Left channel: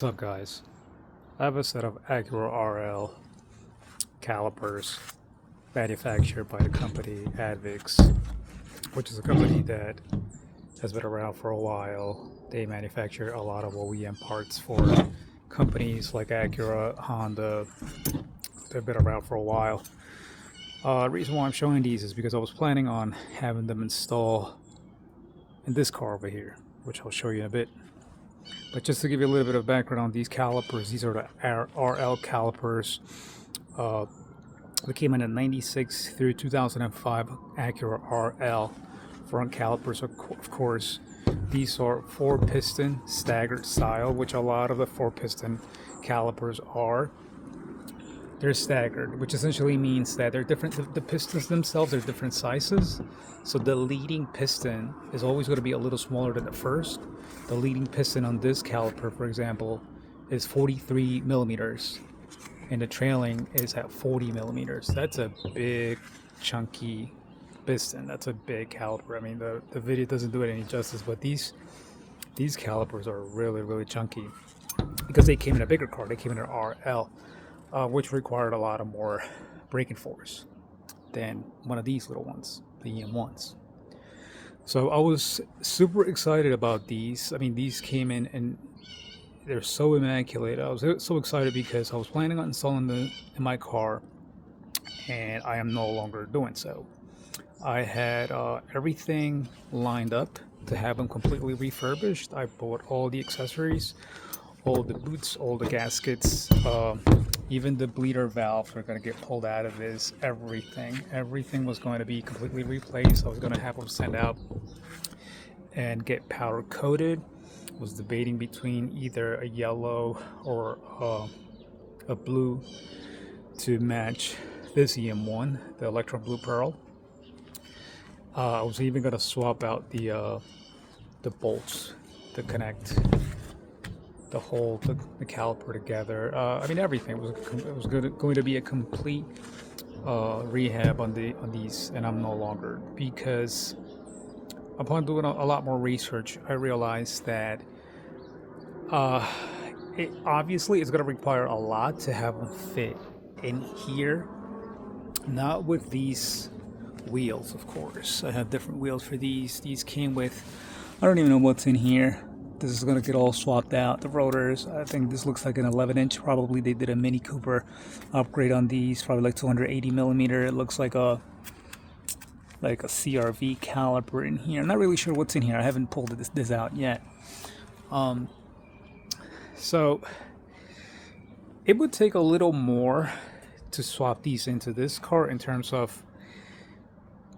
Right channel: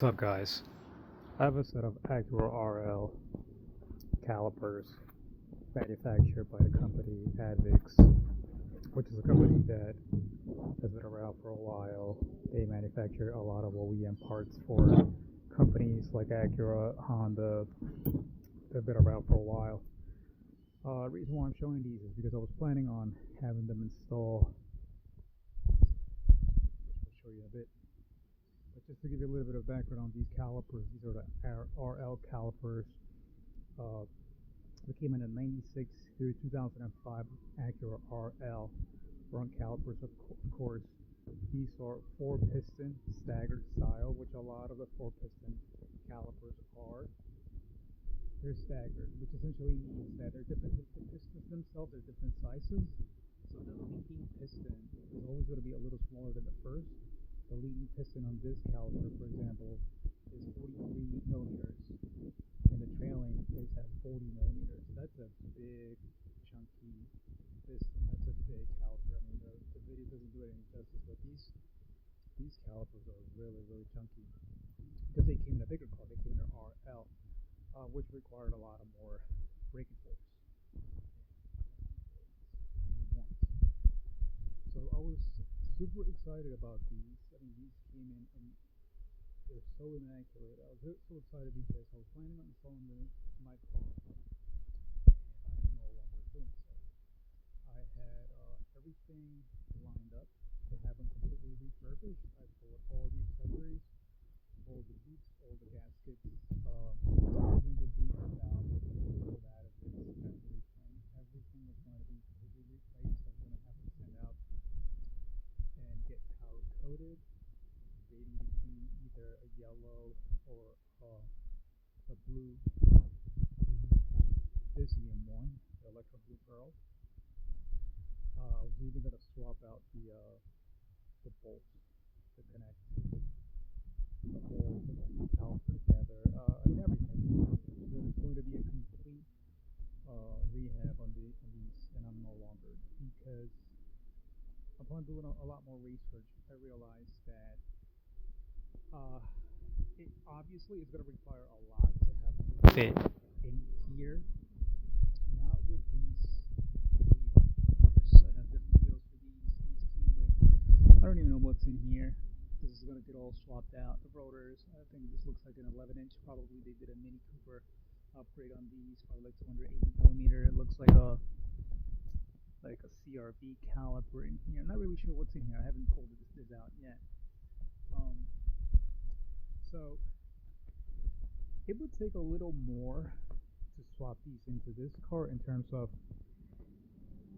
What's up, guys? I have a set of Acura RL calipers manufactured by the company Advix, which is a company that has been around for a while. They manufacture a lot of OEM parts for companies like Acura, Honda. They've been around for a while. The reason why I'm showing these is because I was planning on having them install in this car over here, which I'll show you in a bit. But just to give you a little bit of background on these calipers, these are the RL calipers. They came in 96 through 2005 Acura RL front calipers, of course. These are 4-piston staggered style, which a lot of the 4-piston calipers are. They're staggered, which essentially means that they're different. The pistons themselves are different sizes. So the leading piston is always going to be a little smaller than the first. The leading piston on this caliper, for example, is 43 millimeters, and the trailing is at 40 millimeters. That's a big, chunky piston. That's a big caliper. I mean, the video doesn't do it any justice, but these calipers are really, really chunky because they came in a bigger car. They came in an RL, which required a lot of more braking force than one of these little ones, the EM1s. So I was super excited about these. I mean, these came in and they're so immaculate. I was so excited because I was planning on installing them in my car, and I am no longer doing so. I had everything lined up to have them completely refurbished. I bought all the accessories, all the boots, all the gaskets, even the bleeder valves are going to get pulled out of this. Everything was going to be completely replaced. I was going to have them sent out and get powder coated. Was debating between either a yellow or a blue to match this EM1, the Electro Blue Pearl. I was even going to swap out the bolts to connect the whole the caliper together. I mean, everything was going to be a complete rehab on these, and I'm no longer, because upon doing a lot more research, I realized that it obviously is going to require a lot to have them fit in here. Not with these wheels, of course. I have different wheels for these. These came with, I don't even know what's in here. This is going to get all swapped out. The rotors, I think this looks like an 11-inch. Probably they did a Mini Cooper upgrade on these, probably like 280 millimeter. It looks like a CRV caliper in here. I'm not really sure what's in here. I haven't pulled this out yet. So it would take a little more to swap these into this car in terms of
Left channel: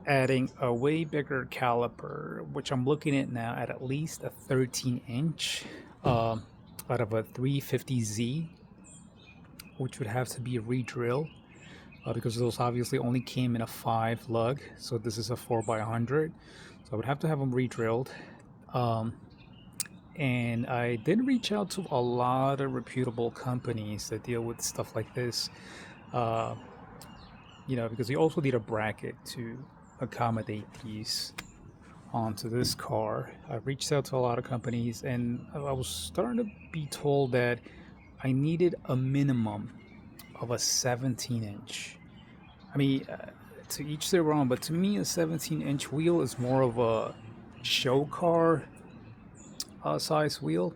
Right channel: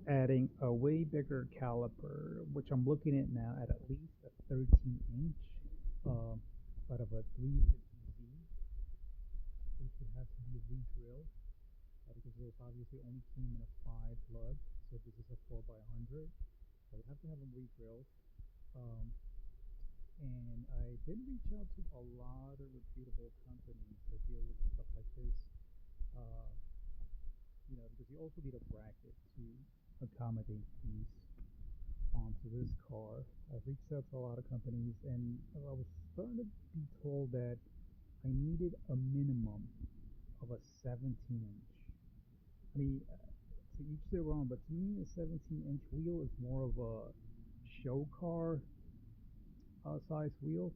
adding a way bigger caliper, which I'm looking at now at least a 13-inch out of a 350Z, which would have to be re-drilled because those obviously only came in a 5 lug, so this is a 4x100, so I would have to have them re-drilled. And I did reach out to a lot of reputable companies that deal with stuff like this, because you also need a bracket to accommodate these onto this car. I reached out to a lot of companies, and I was starting to be told that I needed a minimum of a 17-inch. I mean, to each their own, but to me, a 17-inch wheel is more of a show car size wheel.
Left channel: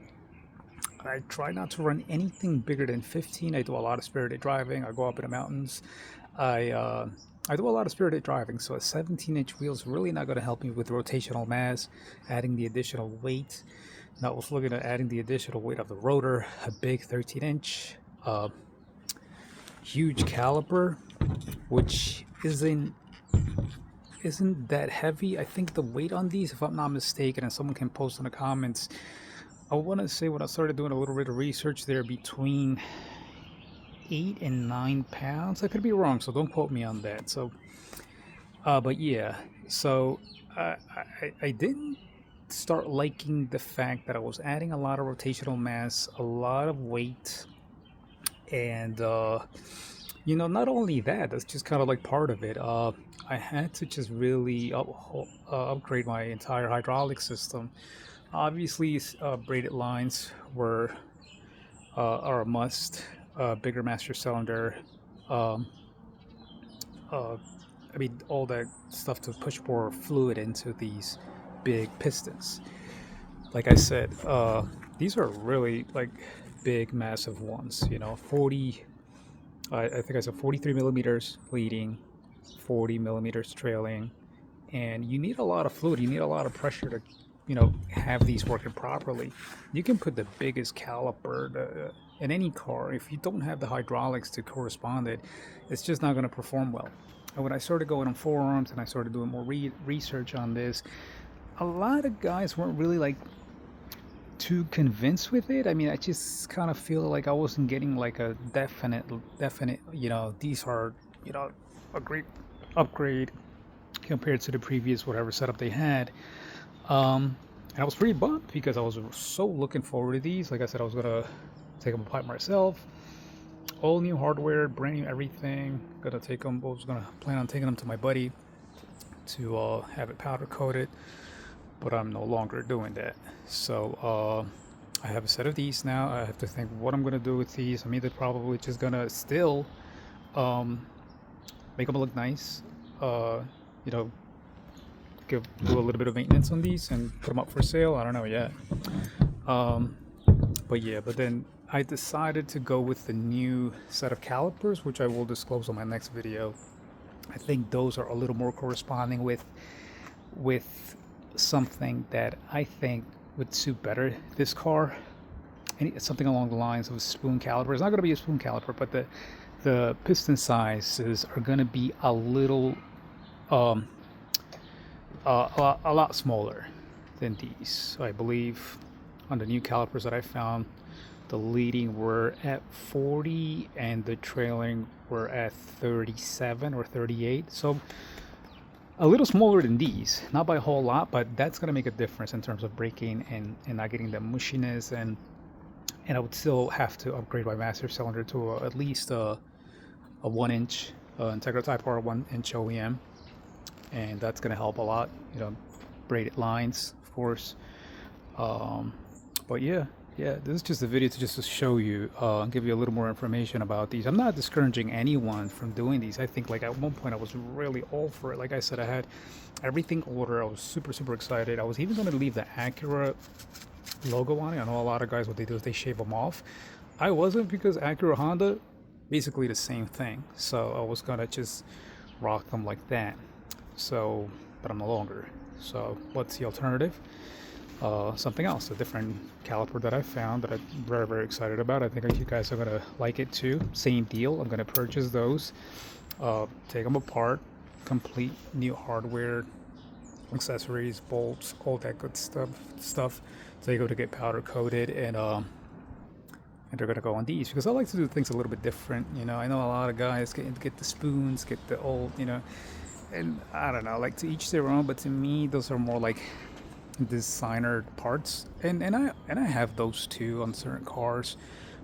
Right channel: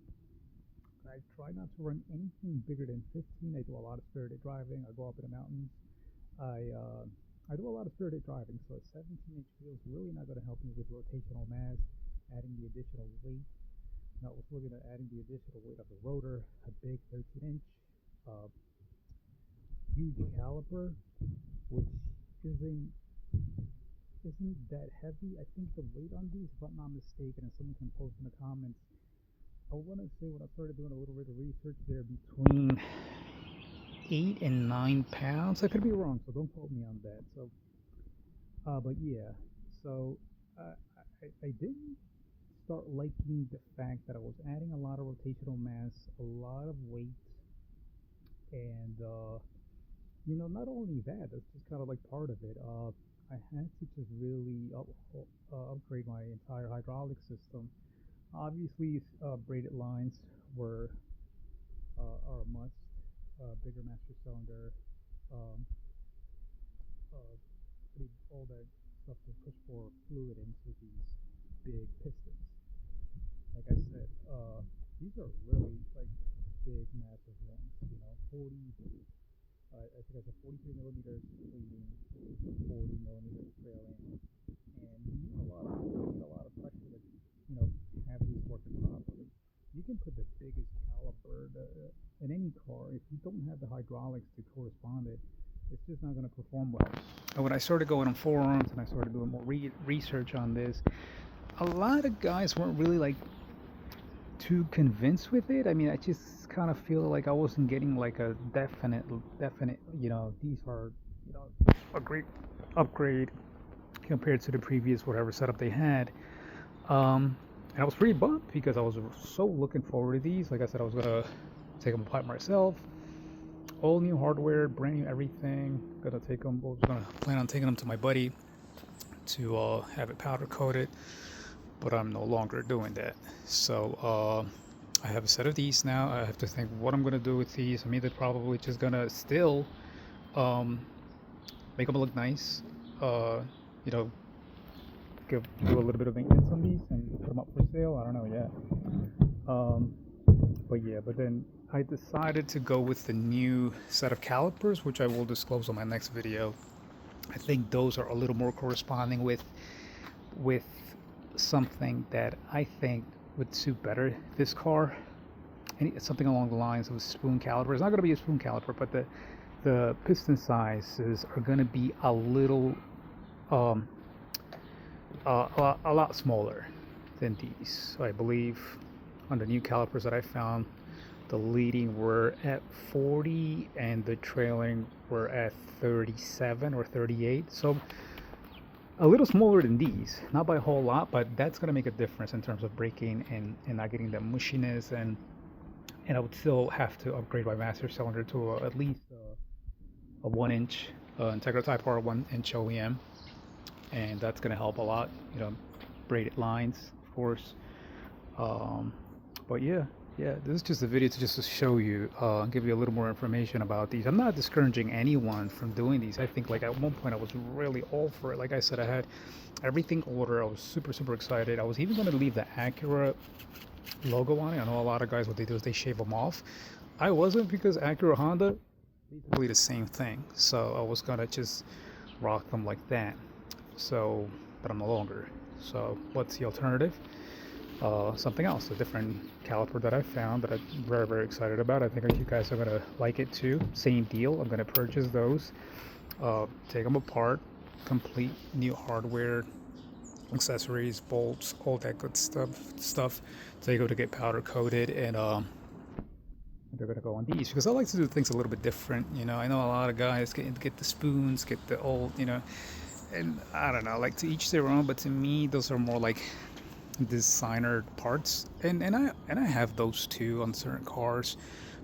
I try not to run anything bigger than 15. I do a lot of spirited driving. I go up in the mountains. I do a lot of spirited driving, so a 17-inch wheel is really not going to help me with rotational mass, adding the additional weight. And I was looking at adding the additional weight of the rotor, a big 13-inch, huge caliper, which isn't that heavy. I think the weight on these, if I'm not mistaken, and someone can post in the comments, I want to say when I started doing a little bit of research, they're between 8 and 9 pounds. I could be wrong, so don't quote me on that. So but yeah, so I didn't start liking the fact that I was adding a lot of rotational mass, a lot of weight, and not only that, that's just kind of like part of it. I had to just really upgrade my entire hydraulic system. Obviously, braided lines were are a must. Bigger master cylinder. Um, I mean, all that stuff to push more fluid into these big pistons. Like I said, these are really like big, massive ones. 40. I think I said 43 millimeters leading, 40 millimeters trailing, and you need a lot of fluid. You need a lot of pressure to, have these working properly. You can put the biggest caliper in any car. If you don't have the hydraulics to correspond it, it's just not going to perform well. And when I started going on forums and I started doing more research on this, a lot of guys weren't really like too convinced with it. I mean, I just kind of feel like I wasn't getting like a definite, these are, a great upgrade compared to the previous whatever setup they had. And I was pretty bummed because I was so looking forward to these. Like I said, I was gonna take them apart myself. All new hardware, brand new everything. Gonna take them. I was gonna plan on taking them to my buddy to have it powder coated, but I'm no longer doing that. So I have a set of these now. I have to think what I'm gonna do with these. I'm either probably just gonna still make them look nice. You know, do a little bit of maintenance on these and put them up for sale. I don't know yet. But then I decided to go with the new set of calipers, which I will disclose on my next video. I think those are a little more corresponding with something that I think would suit better this car. Something along the lines of a spoon caliper. It's not going to be a spoon caliper, but the piston sizes are going to be a little a lot smaller than these. So I believe on the new calipers that I found, the leading were at 40 and the trailing were at 37 or 38. So a little smaller than these, not by a whole lot, but that's going to make a difference in terms of braking and not getting the mushiness. And I would still have to upgrade my master cylinder to at least a 1-inch Integra Type R 1-inch OEM, and that's going to help a lot. Braided lines, of course. But yeah, this is just a video to show you, give you a little more information about these. I'm not discouraging anyone from doing these. I think like at one point I was really all for it. Like I said, I had everything ordered. I was super excited. I was even going to leave the Acura logo on it. I know a lot of guys, what they do is they shave them off. I wasn't, because Acura, Honda, basically the same thing. So I was gonna just rock them like that. So, but I'm no longer. So what's the alternative? Something else, a different caliper that I found that I'm very excited about. I think you guys are gonna like it too. Same deal. I'm gonna purchase those, take them apart, complete new hardware, accessories, bolts, all that good stuff. So they go to get powder coated, and they're gonna go on these because I like to do things a little bit different. I know a lot of guys get the spoons, get the old, and I don't know, like to each their own. But to me, those are more like designer parts, and I have those too on certain cars,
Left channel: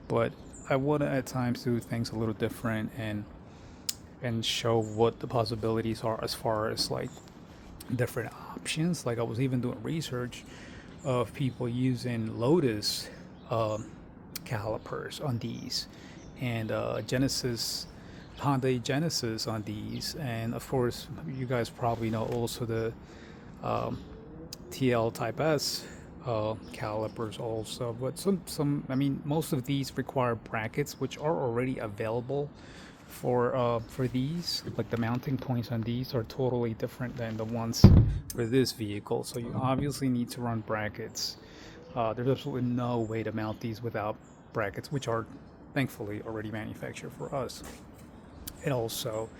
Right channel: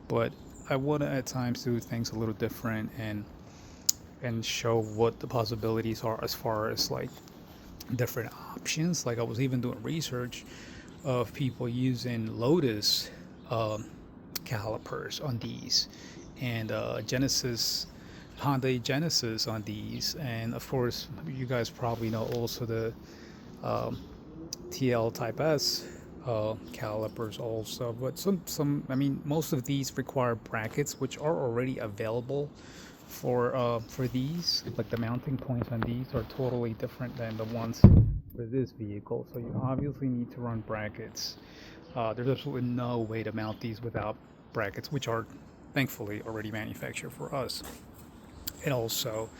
but I want to at times do things a little different and show what the possibilities are as far as like different options. Like I was even doing research of people using Lotus calipers on these, and Hyundai Genesis on these, and of course you guys probably know also the TL Type S calipers also. But some I mean, most of these require brackets, which are already available for these. Like the mounting points on these are totally different than the ones for this vehicle, so you obviously need to run brackets. There's absolutely no way to mount these without brackets, which are thankfully already manufactured for us. And also,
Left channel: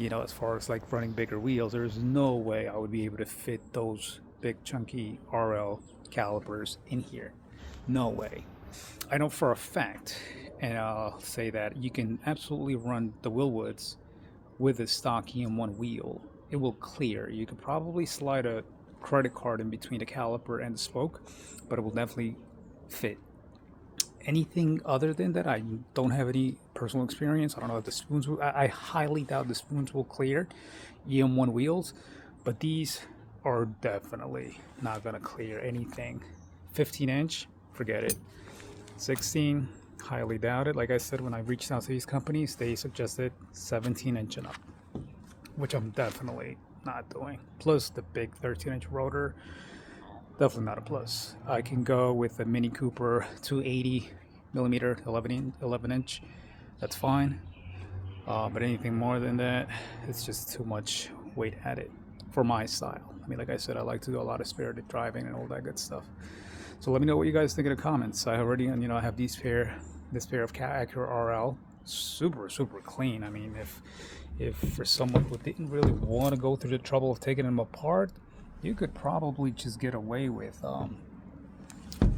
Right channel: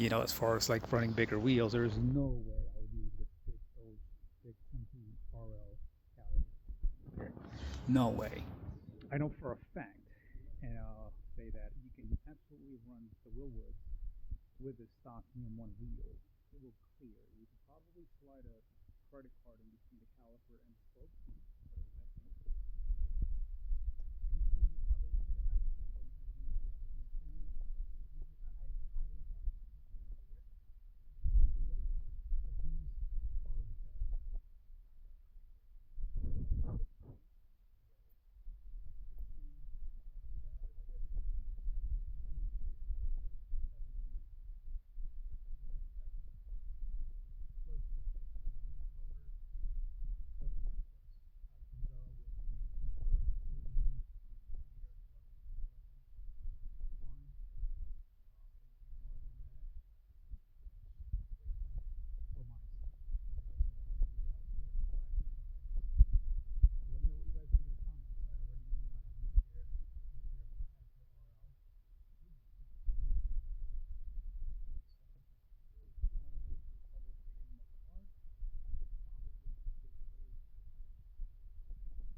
as far as like running bigger wheels, there's no way I would be able to fit those big chunky RL calipers in here. No way. I know for a fact, and I'll say that you can absolutely run the Willwoods with a stock EM1 wheel. It will clear. You could probably slide a credit card in between the caliper and the spoke, but it will definitely fit. Anything other than that, I don't have any personal experience. I don't know if the spoons will, I highly doubt the spoons will clear EM1 wheels, but these are definitely not going to clear anything. 15-inch, forget it. 16, Highly doubt it. Like I said, when I reached out to these companies, they suggested 17-inch and up, which I'm definitely not doing. Plus the big 13-inch rotor, definitely not a plus. I can go with a Mini Cooper 280 millimeter 11 inch. That's fine. But anything more than that, it's just too much weight added for my style. I mean, like I said, I like to do a lot of spirited driving and all that good stuff. So let me know what you guys think in the comments. I already, I have this pair of Acura RL, super clean. I mean, if for someone who didn't really want to go through the trouble of taking them apart, you could probably just get away with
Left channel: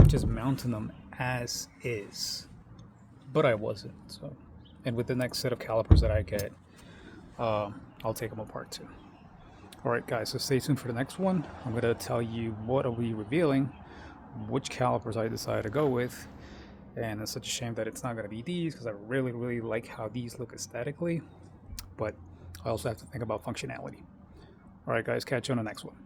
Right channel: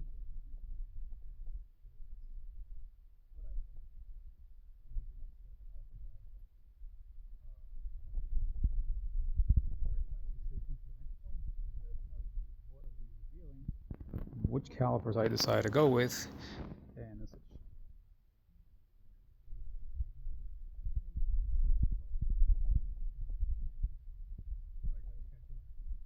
just mounting them as is. But I wasn't. So, and with the next set of calipers that I get, I'll take them apart too. Alright guys, so stay tuned for the next one. I'm going to tell you what I'll be revealing, which calipers I decided to go with, and it's such a shame that it's not going to be these, because I really like how these look aesthetically, but I also have to think about functionality. Alright guys, catch you on the next one.